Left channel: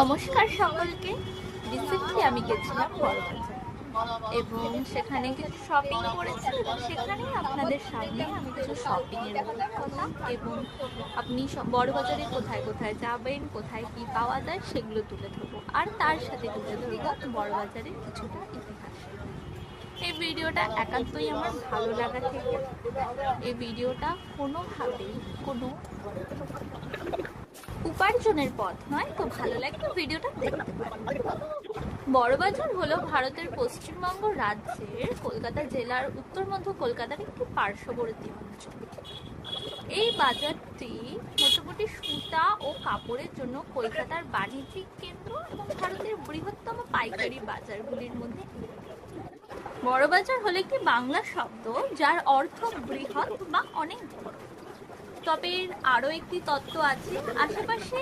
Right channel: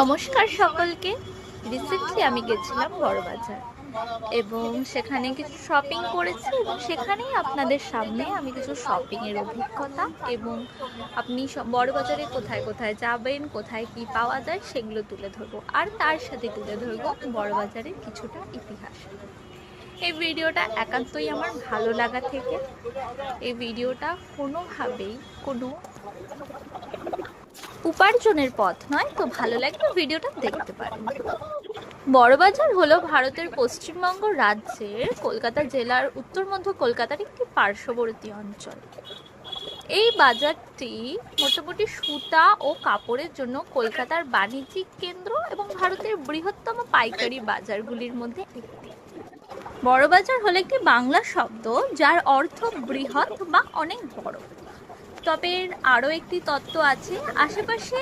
নমস্কার সকলকে। রিসেন্টলি আমি গেছিলাম বড়বাজার এবং সেখানে কিছু শপিং করেছি এবং সেখানেই আপনাদের সামনে আমি কিছু শপিংয়ের অভিজ্ঞতা এবং আপনি বড়বাজারে কোথায় কোথায় যাবেন, কোথায় কি পাওয়া যায় সেগুলো তুলে ধরবো, আর তার সাথে তুলে ধরবো বড়বাজারের কিছুটা ইতিহাস। এই ভিডিওটা একান্তই আমার ভালো লাগা থেকে, এই ভিডিওটা কোনোভাবেই কোনো উপার্জনের পথ নয়, তো ভালো লাগলে ভিডিওটা দেখতে পারেন। বড়বাজার হলো ভারতের পশ্চিমবঙ্গ রাজ্যের কলকাতা জেলার উত্তর মধ্য কলকাতার একটি পার্শ্ববর্তী অঞ্চল। এই বাজারটি মোটামুটি সুতা ও কাপড়ের জন্য কলকাতার বাণিজ্যিক কেন্দ্র এবং ভারতের বৃহত্তম পাইকারি বাজারগুলির মধ্যে একটি। বড়বাজার হলো একটি বাংলা শব্দ যার অর্থ বৃহৎ বা অনেক বড়। তবে আরও একটি তত্ত্ব আছে, আশেপাশে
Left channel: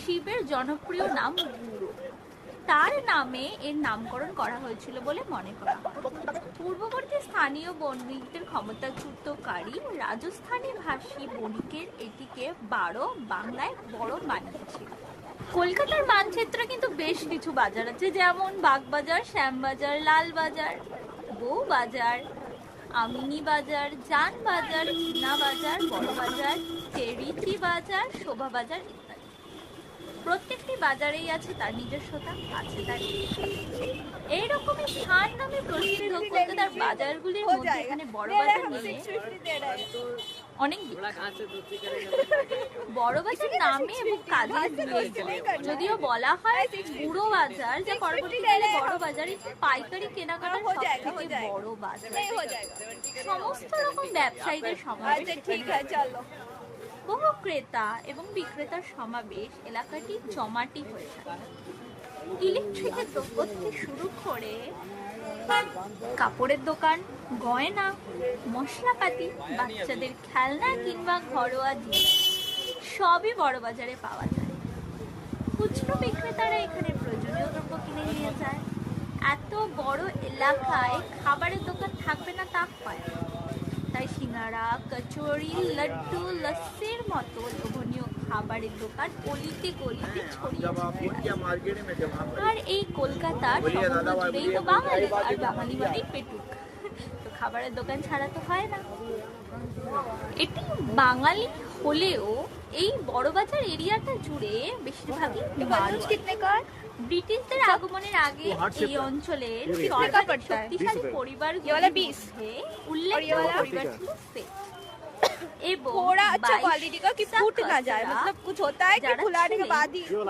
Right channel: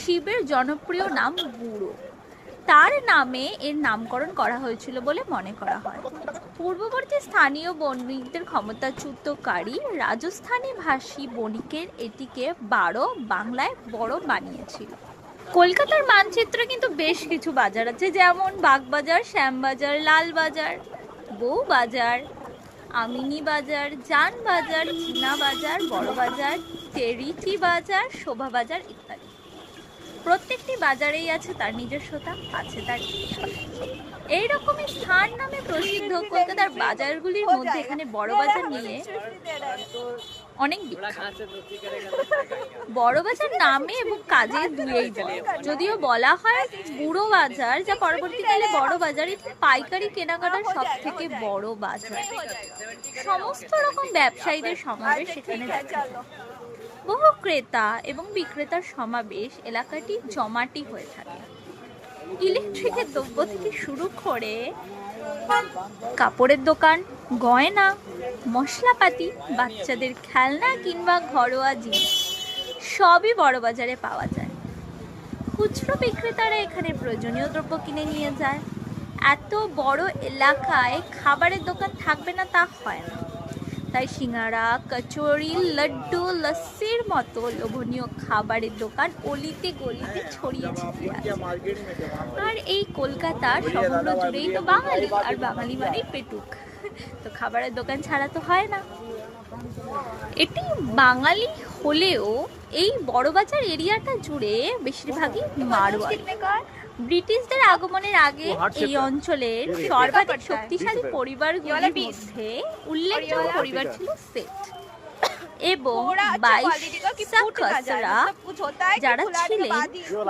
শিবের জনপ্রিয় নাম গুরু, তার নামে এর নামকরণ করা হয়েছিল বলে মনে করা হয়। পূর্ববর্তী স্থানীয় বণিকদের ক্ষমতাচ্যুতকারী রাজস্থানী ভাষী বণিকের এটিকে বাংলায় বড় বানিয়েছিল। কলকাতার মানচিত্রে কিন্তু বেশ কিছু বাজার আছে, যেমন বাগবাজার, শ্যামবাজার, লালবাজার, বউবাজার, আমিনি বাজার, জান বাজার, চীনা বাজার, বড় বাজার, চেরিকি বাজার, শোভা বাজার ইত্যাদি। প্রত্যেকটি বাজারেই আছে তার নিজস্বতা, আছে তার এইরকমই স্থান নামে প্রসিদ্ধ কলকাতার বাজারগুলির মধ্যে এখানে বড় বাজার নিয়ে অনেক বিখ্যাত। বড় বাজার নামে এবং কাজে দুয়েই বড়, যদিও বলা হয় বুড়ো বাজার, যা পরবর্তীকালে বড় বাজার, পাইকারি কেনাকাটার সব থেকে বড় বাজার। সমস্ত রকম ব্যবসায়ীদের সমাবেশ সেখানে, বহু ক্রেতা এবং বিক্রেতার সমাবেশ, এলাকাটি জমাটি হয়ে থাকে। ইলেকট্রিকের দ্রব্য থেকে শুরু করে কাপড়ের দোকান, গয়না, মশলাপাতি, বাচ্চাদের খেলনা কিংবা ঘরোয়া জিনিস সবই বড় বাজারে পাওয়া যায়। খুচরো বিক্রেতারা এখানে প্রয়োজনীয় দ্রব্য কিনে নিয়ে যায়। এত বড় এলাকায় খাবারের দোকান থাকবে না তা হয় না, তাই সিঙ্গারা, কচুরি, লাড্ডু, লস্যির মতো লোভনীয় খাবারের দোকান অলিতে গলিতে ছড়িয়ে ছিটিয়ে আছে। আর এই কলকাতা সমগ্র জুড়েই তো বাঙালি, আর বাঙালি মানেই পেটুক, তো খাবারের দোকান ছাড়া তো হয় না। এটি বাঙালি হলেও এই বড়বাজার এরিয়াটা জুড়ে বেশিরভাগই মারোয়াড়ি। ব্রিটিশদের আগমনের আগে এই অঞ্চলের সর্বাধিক শক্তিশালী পরিবারগুলির মধ্যে উল্লেখযোগ্য পরিবার ছিল সেট এবং যারা ছিলেন